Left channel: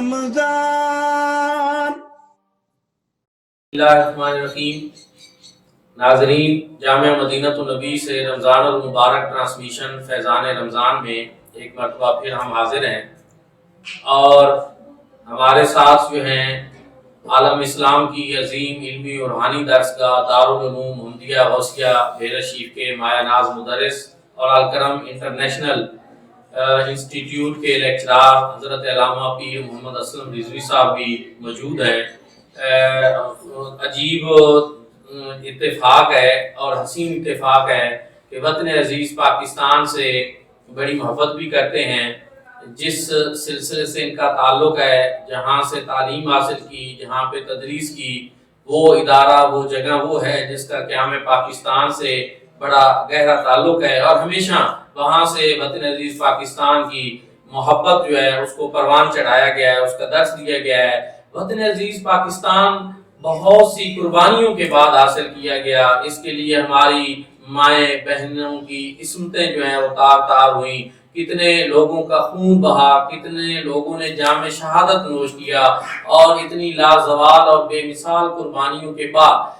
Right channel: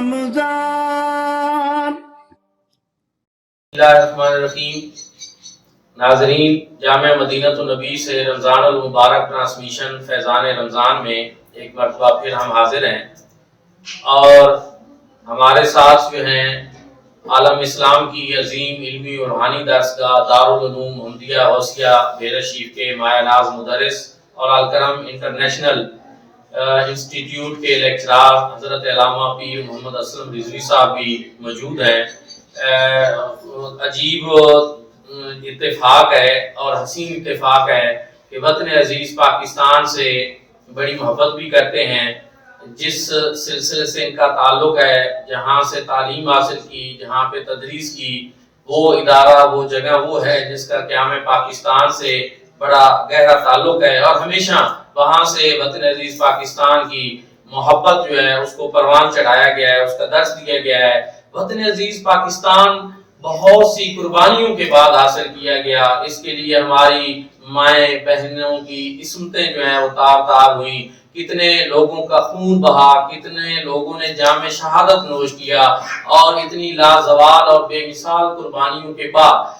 رمضان۔ بسم اللہ الرحمن الرحیم۔ ناظرین، جامعہ مدینۃ النبی سے رمضان المبارک ٹرانسمیشن فیضان رمضان میں ایک مرتبہ پھر ہم حاضر ہیں، اور ہمارے ساتھ جو ہیں عالم اسلام کی عظیم علمی اور روحانی درسگاہ دارالعلوم محمدیہ غوثیہ بیرہ شریف کے مایہ ناز مدرس اور الکرم انٹرنیشنل انسٹیٹیوٹ کے لیکچرار حضرت علامہ پیر محمد اسلم رضوی صاحب بھی موجود ہیں۔ عجیب اتفاق ہے اور حسین اتفاق ہے کہ وطن عزیز پاکستان سے بڑی محبت بھی کرتے ہیں، جس سلسلے سے ان کا تعلق ہے، جہاں سے تعلیم حاصل کی، جہاں پہ تدریس کی، وہ ادارہ، وہ جگہ وہ ہے جس کا قیام پاکستان سے بڑا گہرا تعلق ہے، اور ہمیشہ وہاں سے وطن عزیز پاکستان کی محبت جو ہے اس کو پروان چڑھایا گیا ہے، اس کا درس دیا گیا ہے۔ وطن عزیز پاکستان بہت سی قربانیوں کے بعد حاصل کیا گیا، اس کے لیے ہماری مائیں بہنوں کی عصمتیں جو ہیں وہ تار تار ہوئیں، کتنے لوگوں کا خون بہا، کتنے لوگوں نے جام شہادت نوش کیا، اور اتنی لازوال اور بے مثال قربانیوں کے بعد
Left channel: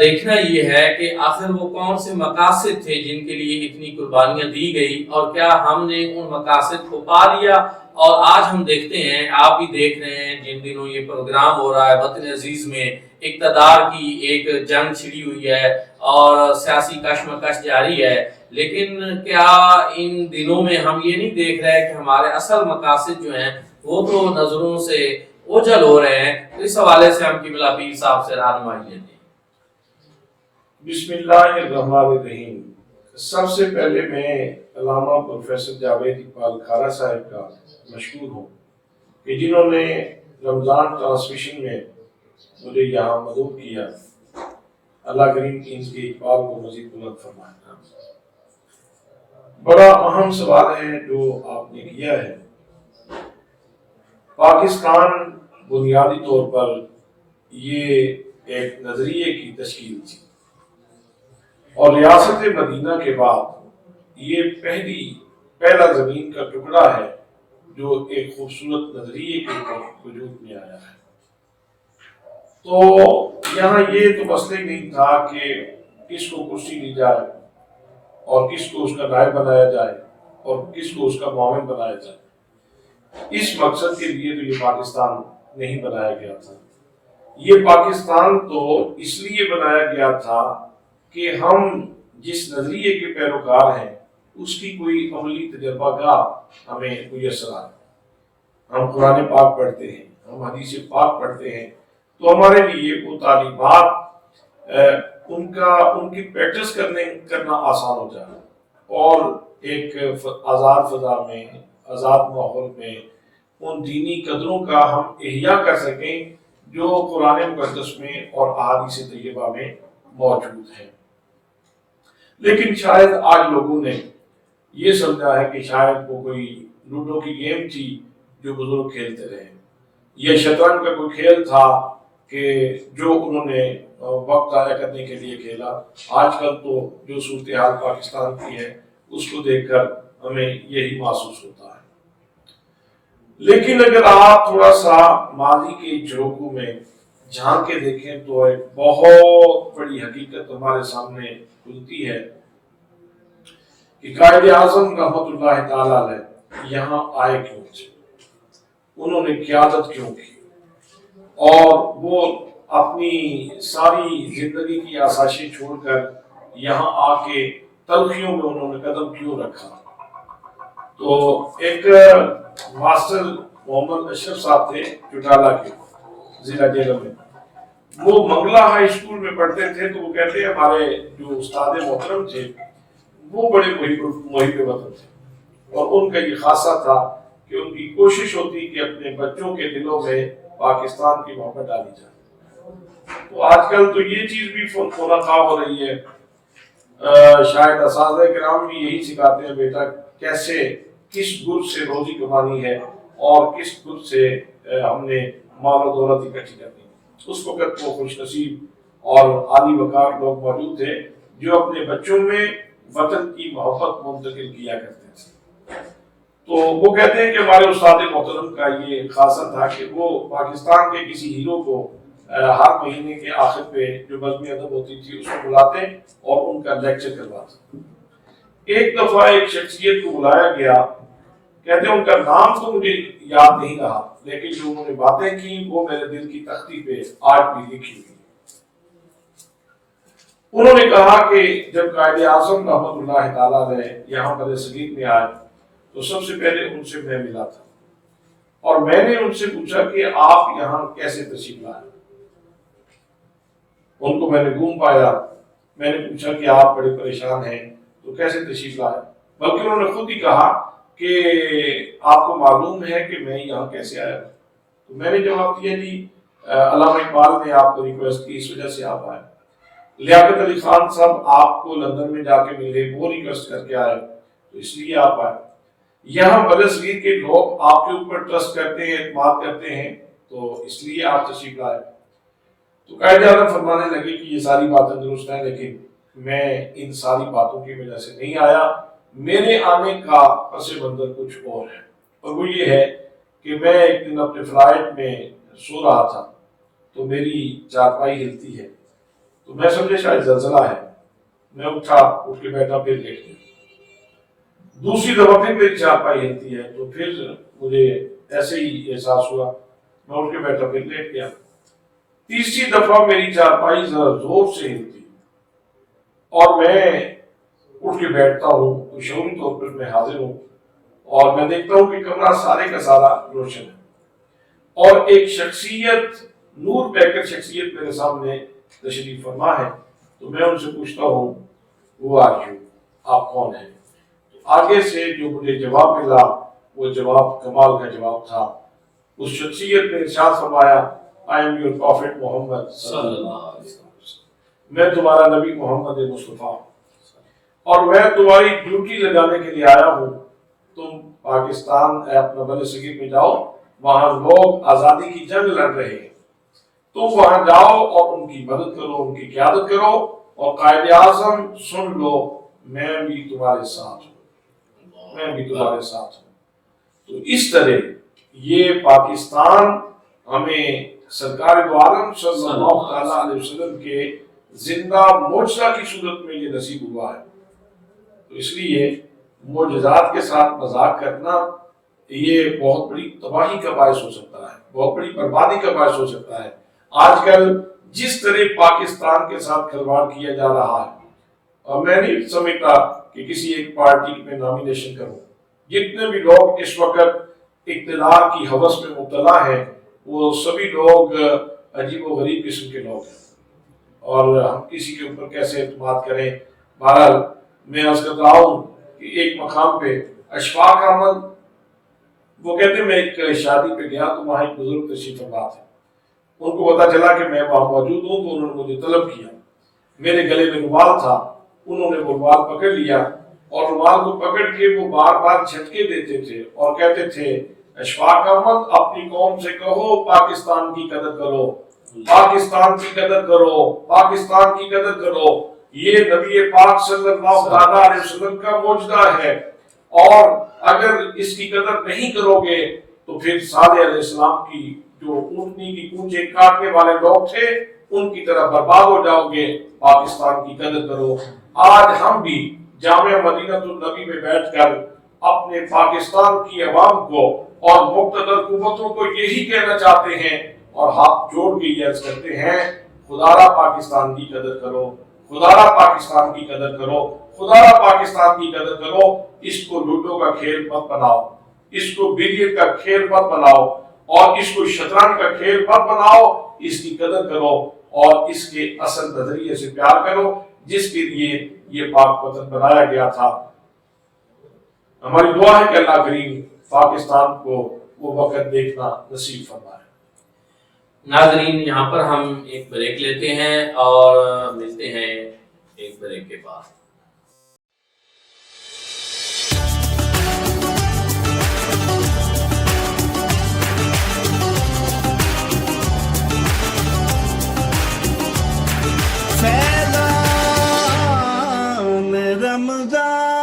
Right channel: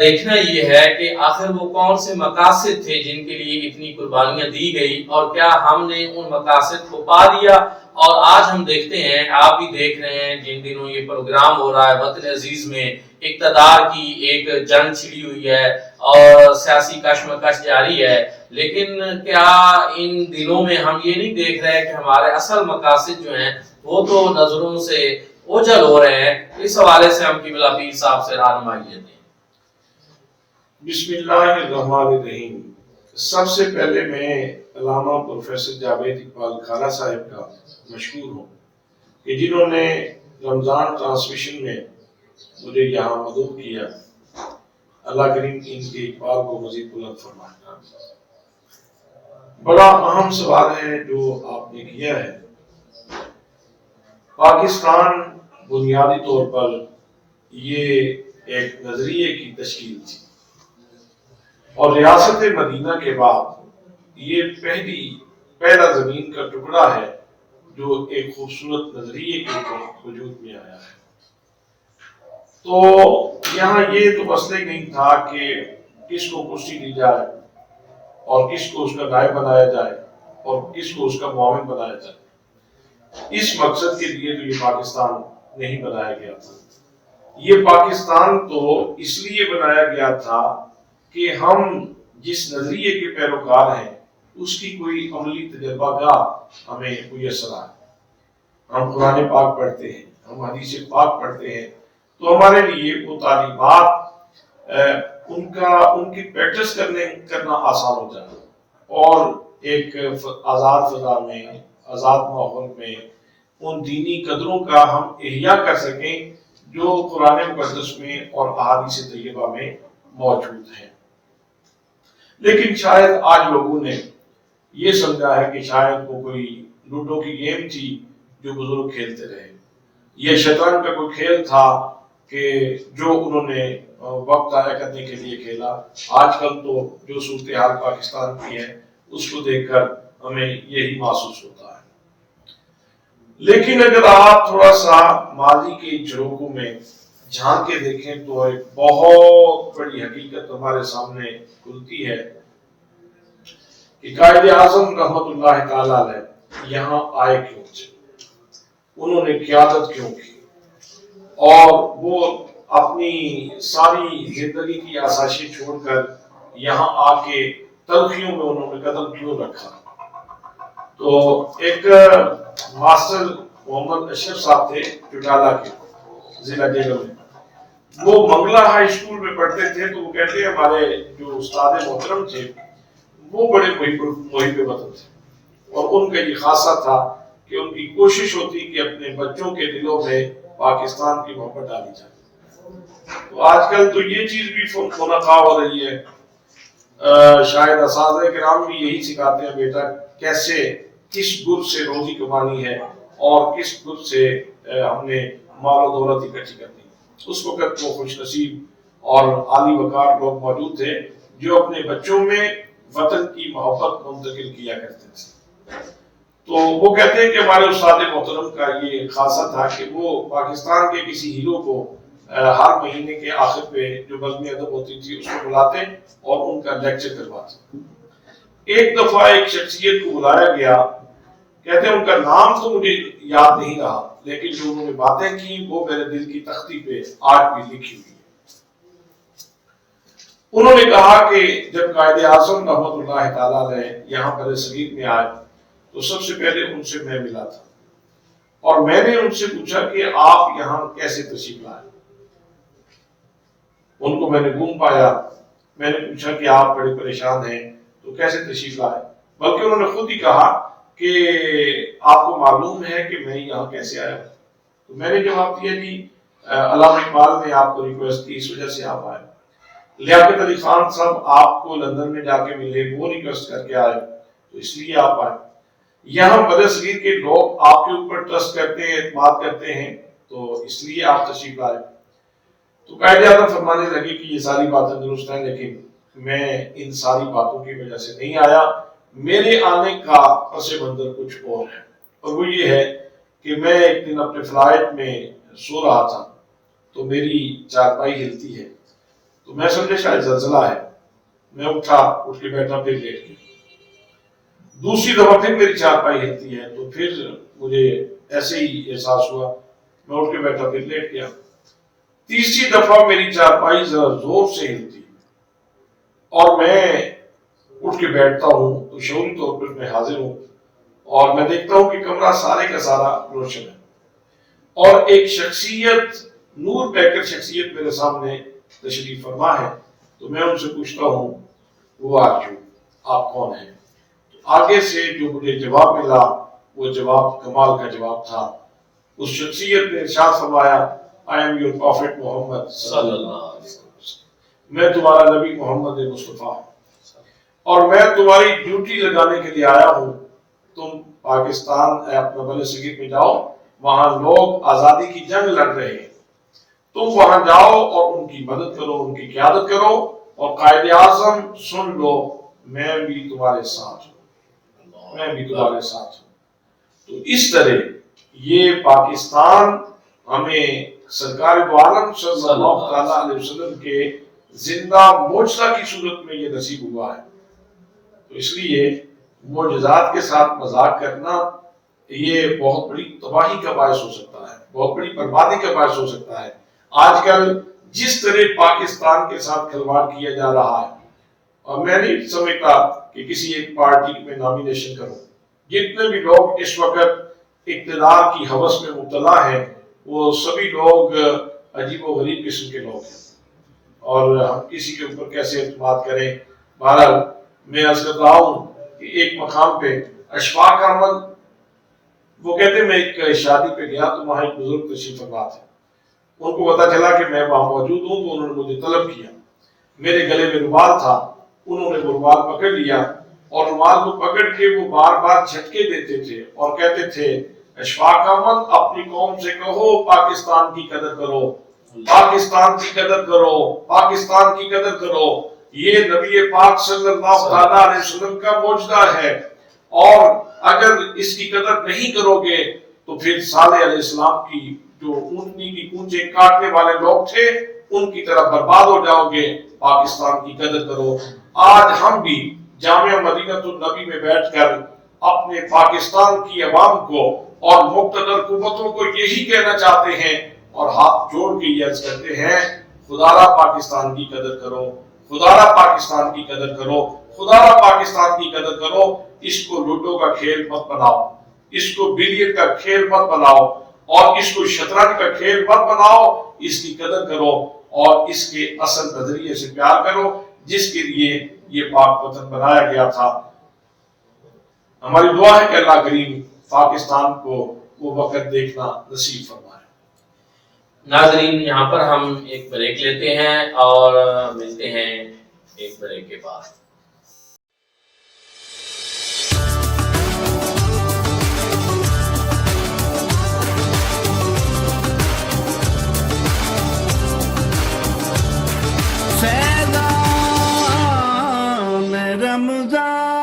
دیکھنا یہ ہے کہ آخر وہ کون سے مقاصد تھے جن کے لیے اتنی قربانیاں دی گئی، اور کیا ہم نے ان مقاصد کو پا لیا۔ اور آج ہم دیکھتے ہیں، آپ بھی دیکھ رہے ہیں، جن دنوں یہ پروگرام ہو رہا ہے، وطن عزیز میں اقتدار کی ایک جنگ چھڑی ہوئی ہے اور سیاسی کشمکش جاری ہے، لیکن کیا ان دنوں میں ہم یہ نہیں دیکھ رہے کہ ہمارے اصل مقاصد جو ہیں وہ تو نظروں سے اوجھل ہو رہے ہیں؟ اس حوالے سے ہم قبلہ پیر صاحب سے رہنمائی لیتے ہیں۔ بسم اللہ الرحمن الرحیم۔ سب سے پہلے میں علامہ پروفیسر جاوید اقبال کھارا صاحب کا مشکور ہوں کہ جنہوں نے رمضان ٹرانسمیشن میں مجھے یہاں مدعو کیا۔ اللہ کریم ان کے اقبال کو مزید بلند فرمائے۔ بڑا اہم سوال ہے جو آپ نے کیا ہے۔ پاکستان بنیادی طور پر یہ ایک نظریے کی تشکیل تھی، اور ریاست مدینہ کے بعد یہ پہلا زمین کا ٹکڑا ہے جو ایک خوبصورت نظریے کے اوپر وجود میں آیا ہے۔ تو یہاں یہ تو مسئلہ ہی نہیں تھا کہ کس کو کرسی دی جائے اور کس کو اس کا نائب بنایا جائے اور کس کو اس کا معاون بنایا جائے۔ اس مقصد کے لیے تو یہ پاکستان نہیں بنایا گیا تھا۔ یہ پاکستان تو اس لیے بنایا گیا تھا کہ ہم جس نظریے کے پیروکار ہیں اس کی کوئی عملی تجربہ گاہ ہمیں میسر آئے۔ ہم قرآن پاک پڑھتے ہیں، ہم حدیث پاک پڑھتے ہیں، تو ہمارے لیے وہ تعلیمات ان کی پریکٹس کرنا آسان ہو جائے، اور ایک آزاد فضا میں، آزاد ماحول میں ان دینی قدروں کا ہم احیاء کر سکیں جو قرآن مقدس میں اور احادیث طیبہ میں موجود ہیں۔ لیکن شاید آج لوگوں نے یہ سمجھا ہے کہ شاید وہ کوئی لوڈو کی گیم تھی جو بزرگ کھیلتے رہے، یہ شطرنج کا کوئی کھیل تھا کہ جو انہوں نے وقت ضائع کرنے کے لیے کھیلا۔ آج کل تو جو صورتحال پاکستان کی ہے اس کو دیکھ کر ہمیں یہی محسوس ہوتا ہے۔ لیکن اگر آپ تھوڑا سا ماضی کے جھروکوں میں جھانک کے دیکھیں تو ایک بہت بڑی حقیقت ہمارے سامنے کھلتی ہے کہ قائد اعظم رحمت اللہ تعالی علیہ یہاں آئے کیوں تھے، انہوں نے قیادت کیوں کی، اور وہ اپنی ساری زندگی کی آسائشیں چھوڑ کر یہاں آ کے تلخیوں میں انہوں نے قدم کیوں رکھا۔ تو ایک ماسٹر محمد اشرف صاحب تھے چٹالہ کے ضلع جیلم میں، وہ منگلہ ہائی اسکول میں پڑھتے تھے، تو وہ کہتے ہیں ہمارے جو استاد محترم تھے وہ بڑے محب وطن تھے، اور ان کا یہ خاصہ تھا کہ ان کی کوشش ہوتی کہ اپنے بچوں کے دلوں میں پاکستان کی محبت ڈالی جائے۔ تو آج کل تو یہ چیز بھی منقع ہو رہی ہے، شاید اساتذہ کرام بھی یہی سکھاتے ہیں، بیٹا کیسے کس گر سے روزی کمانی ہے اور کس گر سے ہم نے مال و دولت اکٹھی کرنی ہے۔ اس وقت وہ خوش نصیب اور عالی وقار لوگ موجود تھے جو اپنے بچوں میں وطن کی محبت منتقل کیا کرتے تھے۔ تو وہ کہتے ہیں کہ ہمارے استاد محترم کا یہ خاصہ تھا کہ وہ پاکستان کے کسی ہیرو کو ہر مہینے کے آخر پہ جو بزم ادب ہوتی تھی اس کو بلاتے اور ان کا لیکچر کرواتے. ایک دفعہ ایک شخصیت کو بلایا گیا، کہتے ہیں ان کا نام تو مجھے یاد نہیں رہا، لیکن جو انہوں نے باتیں کی وہ میرے دل کی تختی پہ آج بھی لکھی ہوئی ہے. انہوں نے کہا کہ جب قائد اعظم رحمۃ اللہ تعالیٰ علیہ یہاں پر صغیر میں آئے تو سب سے پہلے ان سے میں ملا تھا، اور میں نے ان سے پوچھا کہ آپ یہاں کیسے تشریف لائے. ان کو میں نے گم پایا، میں نے پوچھا کہ آپ بڑے پریشان ہیں تو کیسے تشریف لائے، بلکہ انہوں نے خود ہی کہا کہ آپ کو معلوم ہے کہ میں یہاں کیسے آیا. تو میں نے جواب دیا جی علامہ اقبال نے آپ کو ریکویسٹ کی، اس وجہ سے آپ آئے. لیاقت علی خان صاحب آپ کو لندن میں جا کے ملے، وہ ریکویسٹ کر کے آئے تو اس لیے آپ آئے. یہاں برصغیر کے لوگ آپ کے اوپر ٹرسٹ کرتے ہیں، اعتماد کرتے ہیں، تو اس لیے آپ تشریف لائے. تو قائد اعظم فرمانے لگے کہ یہ ساری باتیں درست ہیں، لیکن میں ان ساری باتوں کی وجہ سے نہیں آیا، میرے آنے کا پس منظر کچھ اور ہے. اور وہ یہ ہے کہ میں ایک دن اپنے فلائٹ میں سو رہا تھا تو میری چارپائی ہلتی ہے، تو میں سمجھے شاید زلزلہ ہے. میں اٹھا، اٹھ کے بیٹھا، پھر لیٹ گیا. دوسری دفعہ پھر میری چارپائی ہلتی ہے تو پھر مجھے ایسے ہی احساس ہوا، میں اٹھ کے بیٹھا، پھر لیٹ گیا. تیسری دفعہ میری چارپائی ذرا زور سے ہلتی اور میں اٹھ کے بیٹھتا ہوں تو شعوری طور پر میں حاضر ہوں اور میں دیکھتا ہوں کہ کمرہ سارے کا سارا روشن ہے، اور ایک شخصیت، نور پیکر شخصیت میرے سامنے تشریف فرما ہے. تو میں ان سے پوچھتا ہوں وہ آپ کون ہیں؟ آگے سے جو مجھے جواب ملا وہ جواب کمال کا جواب تھا. اس شخصیت نے ارشاد فرمایا I am your prophet محمد صلی اللہ علیہ وسلم، میں تمہارا نبی محمد مصطفیٰ اور میں تمہاری ڈیوٹی لگانے کے لیے آیا ہوں. تم پاکستان اپنا برصغیر میں جاؤ، وہاں لوگ آزادی کی جنگ لڑ رہے ہیں، تم وہاں جاؤ اور ان کی مدد کرو، ان کی قیادت کرو، اور قائد اعظم سن لو میں بھی تمہارے ساتھ ہوں، میں بھی تمہارے ساتھ ہوں. تو اس طرح یہ پاکستان ہمیں سرکار دو عالم صلی اللہ علیہ وسلم کے زندہ معجزہ کی صورت میں یہ نصیب ہوا ہے. تو اس لیے معجزات کے ساتھ مذاق کرنا یہ بہت بڑی تباہی کا باعث ہو سکتا ہے، بہت بڑی بربادی کا باعث ہو سکتا ہے. آج کل جس طرح پاکستان کے ساتھ کھلواڑ کیا جا رہا ہے، اور میں نہیں سمجھتا کہ کسی ایک پارٹی میں نامینیشن کروں. جتنے بھی لوگ اس وقت اقتدار کی ہوس میں مبتلا ہیں وہ سبھی لوگ عجیب و غریب قسم کے لوگ ہیں، اور ہم کسی کے اوپر کیسے اعتماد کریں. بہرحال میں عرض کر رہا ہوں کہ ایک مقام پہ اشفاق احمد وہ کہتے ہیں میں ایک شادی پہ گیا تو وہاں ایک بزرگ تشریف فرما تھے. ان کو پتا چلا کہ میں وہاں موجود ہوں تو انہوں نے مجھے طلب کیا. میرے گلے میں رومال تھا، انہوں نے وہ رومال پکڑ لیا اور رومال کو پکڑ کے وہ بار بار جھٹکے دیتے تھے اور کہتے تھے اشفاق احمد اپنی قوم سے کہو پاکستان کی قدر کرو، پاکستان کی قدر کرو، پاکستان کی قدر کرو. یہ نبی پاک صلی اللہ علیہ وسلم کا معجزہ ہے، اور اگر اس کی قدر نہیں کرو گے تو پھر صالح علیہ السلام کی جو اونٹنی کی کونچے کاٹنے والے لوگ تھے ان کی طرح برباد ہو جاؤ گے. پاکستان کی قدر کرو. آج ہم بھی جامعہ مدینہ النبی میں بیٹھ کر اپنے پاکستان کی عوام کو اور مقتدر قوتوں کو یہی کہنا چاہتے ہیں اور ہاتھ جوڑ کے یہ عرض کرتے ہیں خدارا پاکستان کی قدر کرو، خدارا پاکستان کی قدر کرو، خدارا پاکستان کی قدر کرو. اس کو لوڈو کا کھیل مت بناؤ، اس کو بلیئرڈ کا کھیل مت بناؤ، اور اس کو شطرنج کا کھیل مت بناؤ. اس کی قدر کرو اور اس کے اصل نظریے سے پیار کرو جس کے لیے یہ پاک وطن بنایا گیا تھا. ہماری دعا ہے کہ اللہ کریم پاکستان کو وہ وقت دیکھنا نصیب فرمائے. ناظرین یہاں پر ہم ایک بریک لیتے ہیں اور ملتے ہیں ایک بریک کے بعد. فیضان رمضان